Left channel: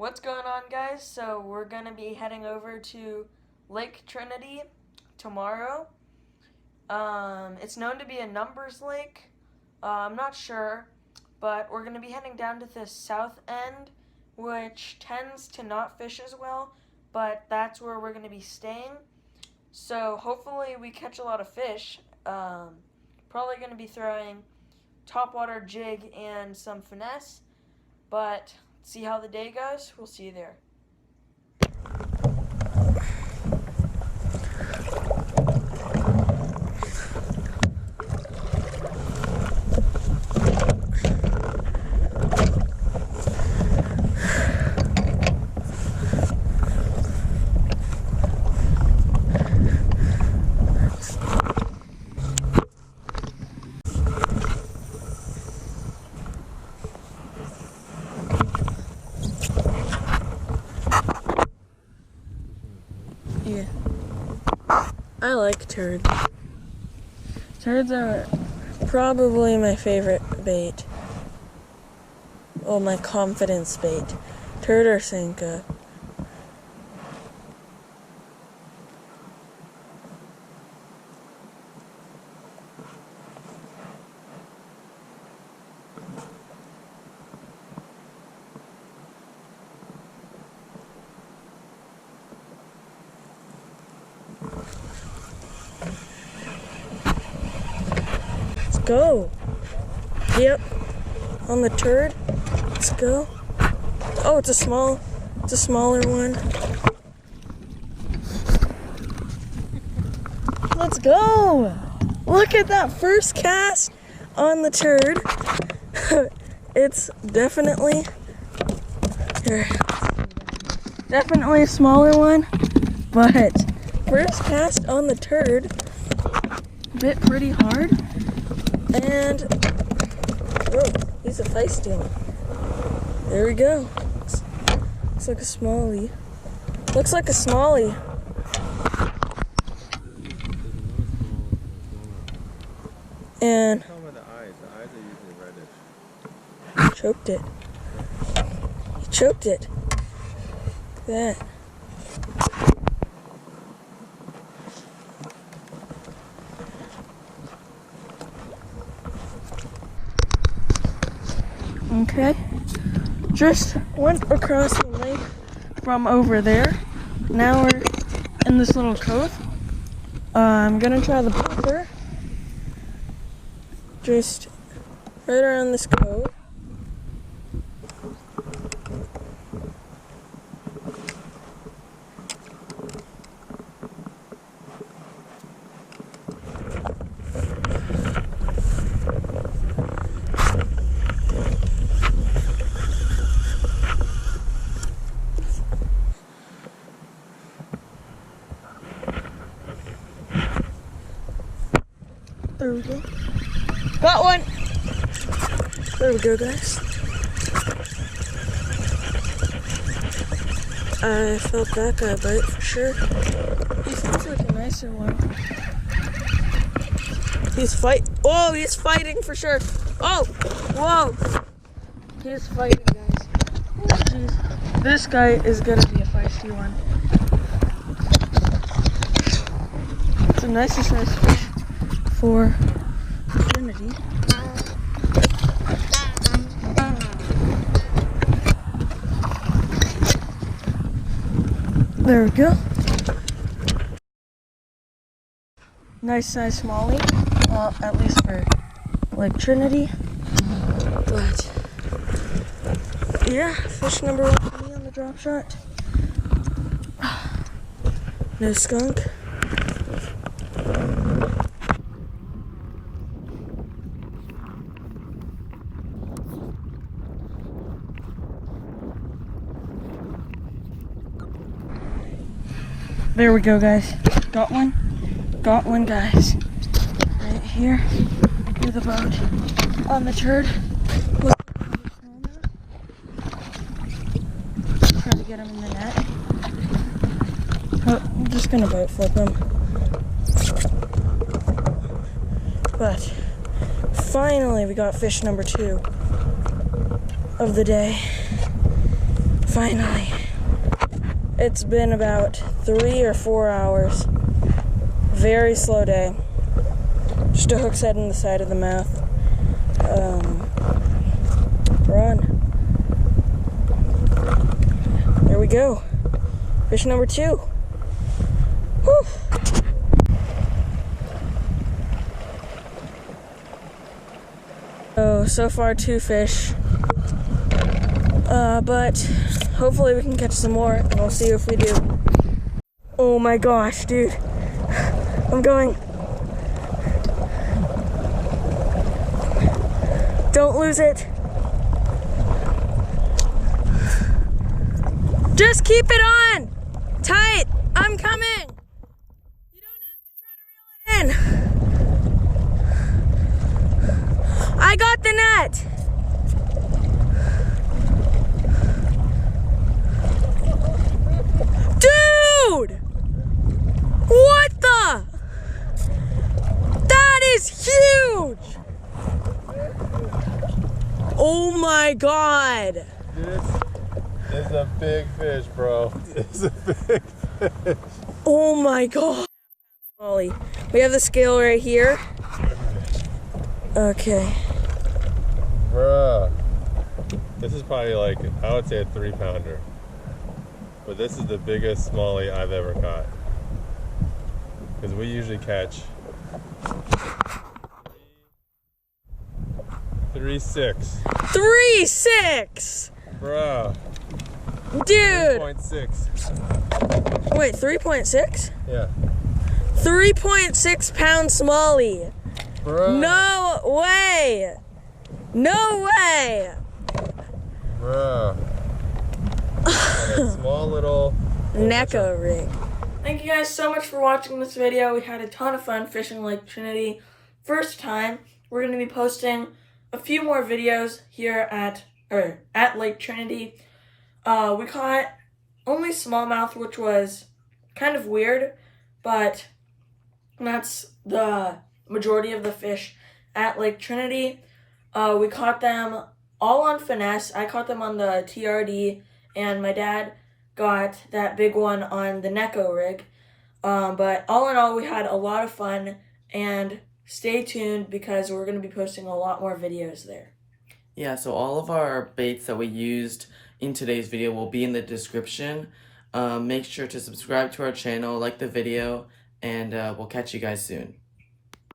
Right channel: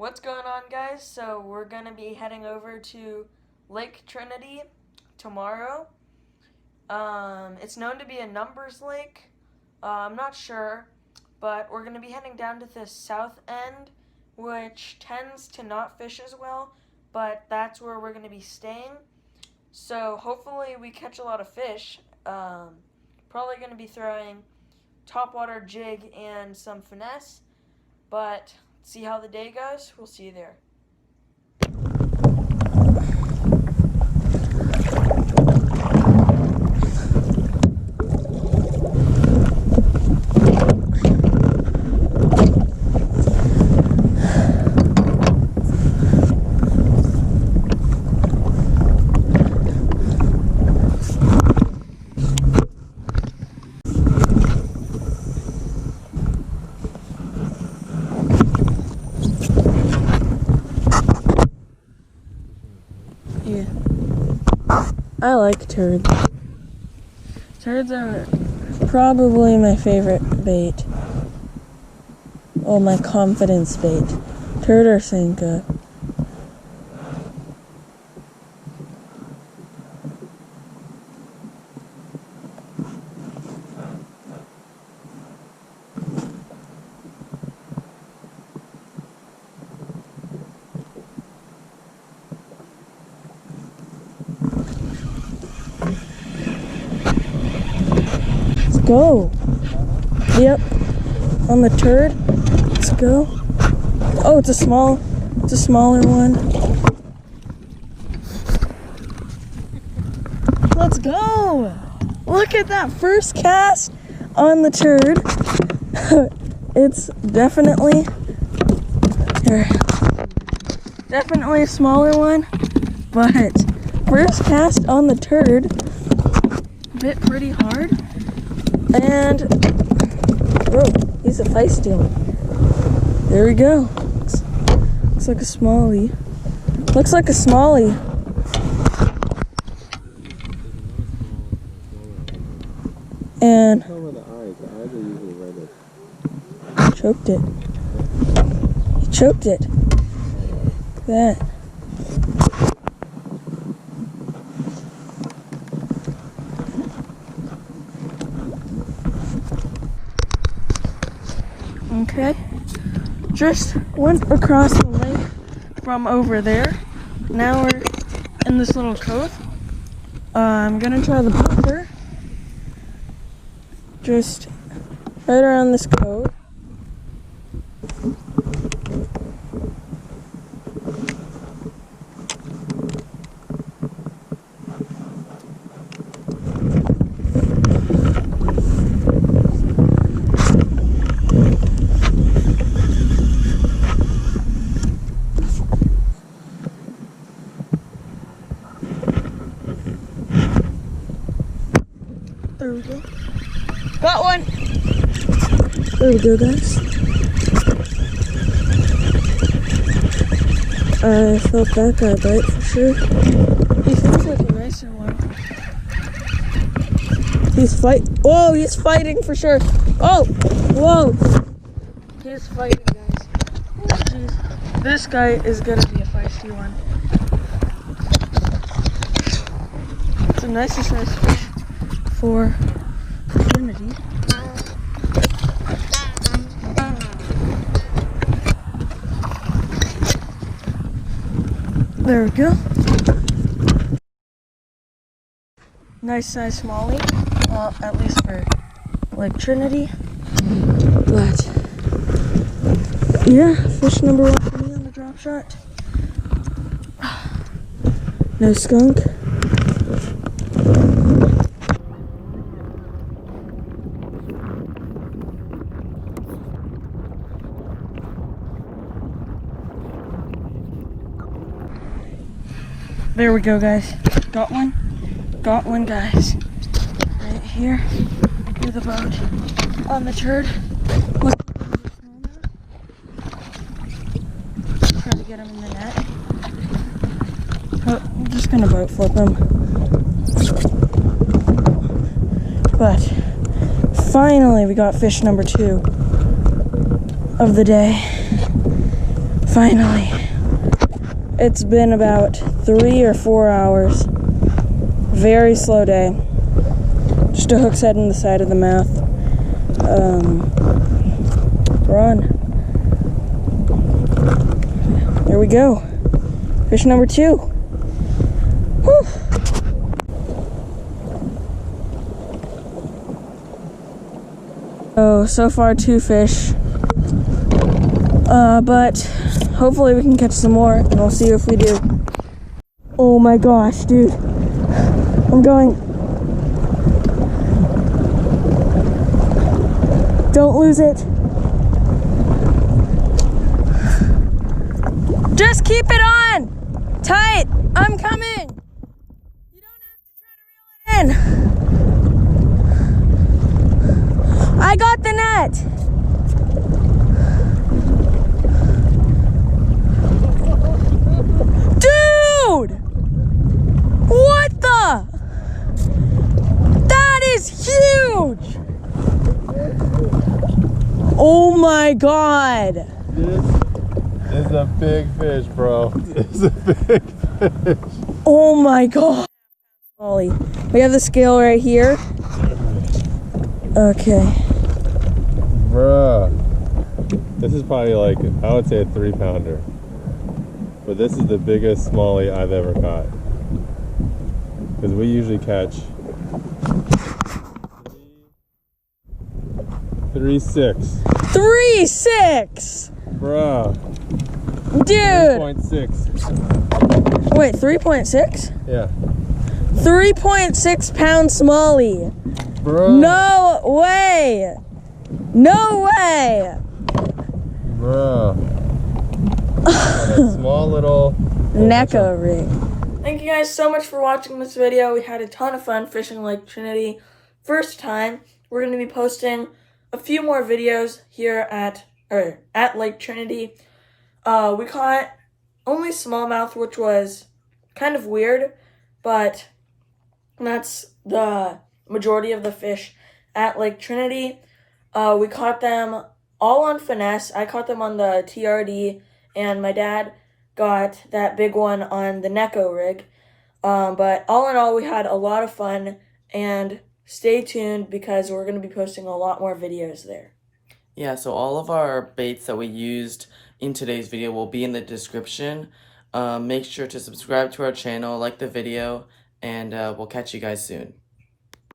What's going on, guys? So we're going to be heading over to Lake Trinity tomorrow. It's known to be a numbers lake. I'm not sure, but we're going to be heading down to the south end, which tends to not fish as well, but that's where we're going to be staying. So hopefully we catch a lot of fish. Probably going to be throwing topwater jig and some finesse, but see how the day goes. We'll see you there. Yeah, I like turds. Turds are probably my favorite bait. Oh, my confidence bait. Turd or sinker. Go. Yep. On the turd. Let's go. Oh, it's a smaller one. Let's go. Look at that first cast on the turd. It's definitely a smaller one, but first cast on the turd bit pretty hard. And, oh, he's a feisty one. There we go. Looks like a smallie. Looks like a smallie. And the eyes are usually reddish. Choked it. He choked it. Look at that. Okay, just went across the lake from over there. Now we're in this little cove. I'm gonna try the popper. Just right around this cove. There we go. Got one! There we go, guys. I felt that guy bite for sure. He seems like a nicer one. He's fighting for sure. Oh! Whoa! He's fighting, guys. Oh, jeez. This guy is gonna be a feisty one. It's a nicer size fish for Trinity. There we go. Nice size smallie. Well, at least for Lake Trinity. But yeah, fish number one for me on the drop shot. No skunk. There we go, guys. Got one, guys. Right here near the boat on the turd. Look, try to get him in the net. Oh, I'm just gonna boat flip him. But finally, we got fish number 2 of the day. Finally. It's been about 3 or 4 hours. Very slow day. Just a hook's head in the side of the mouth. Run. There we go. Fish number 2. Whew. Oh, so far 2 fish. But hopefully we can catch some more, and we'll see if we do. Oh my gosh, dude. I'm going. Don't lose it. Just keep it on! Tight! I'm coming! You don't have to try to reel it in. I got the net! Dude! What the? That is huge! Oh my God! This is a big fish, bro. This is a big fish. Oh my God. Ollie, we have the scale right here. Okay. Bruh. This is probably like, I would say a 3-pounder. But this is the biggest smallie I've ever caught. Because we usually catch 3.6. 3.6! Bruh. Dude! 3.6. Wait, 3.6? Yeah. 3.6 pound smallie. Bruh. No way! No way! Bruh. A small little Neko rig. Thank you guys so much for watching this video. We had a ton of fun fishing Lake Trinity. First time, we're going to be posting a few more videos here at Lake Trinity. We caught only smallmouth, which was kind of weird, but that's the majority of the fish at Lake Trinity. We caught them all on finesse. I caught them on the TRD, and my dad got that big one on the Neko rig. But all in all, we had a lot of fun, and stay tuned because we're going to be posting a lot more videos there. Yeah, so all of our baits that we used in today's video will be in the description. Make sure to subscribe to our channel, like the video, and we'll catch you guys soon.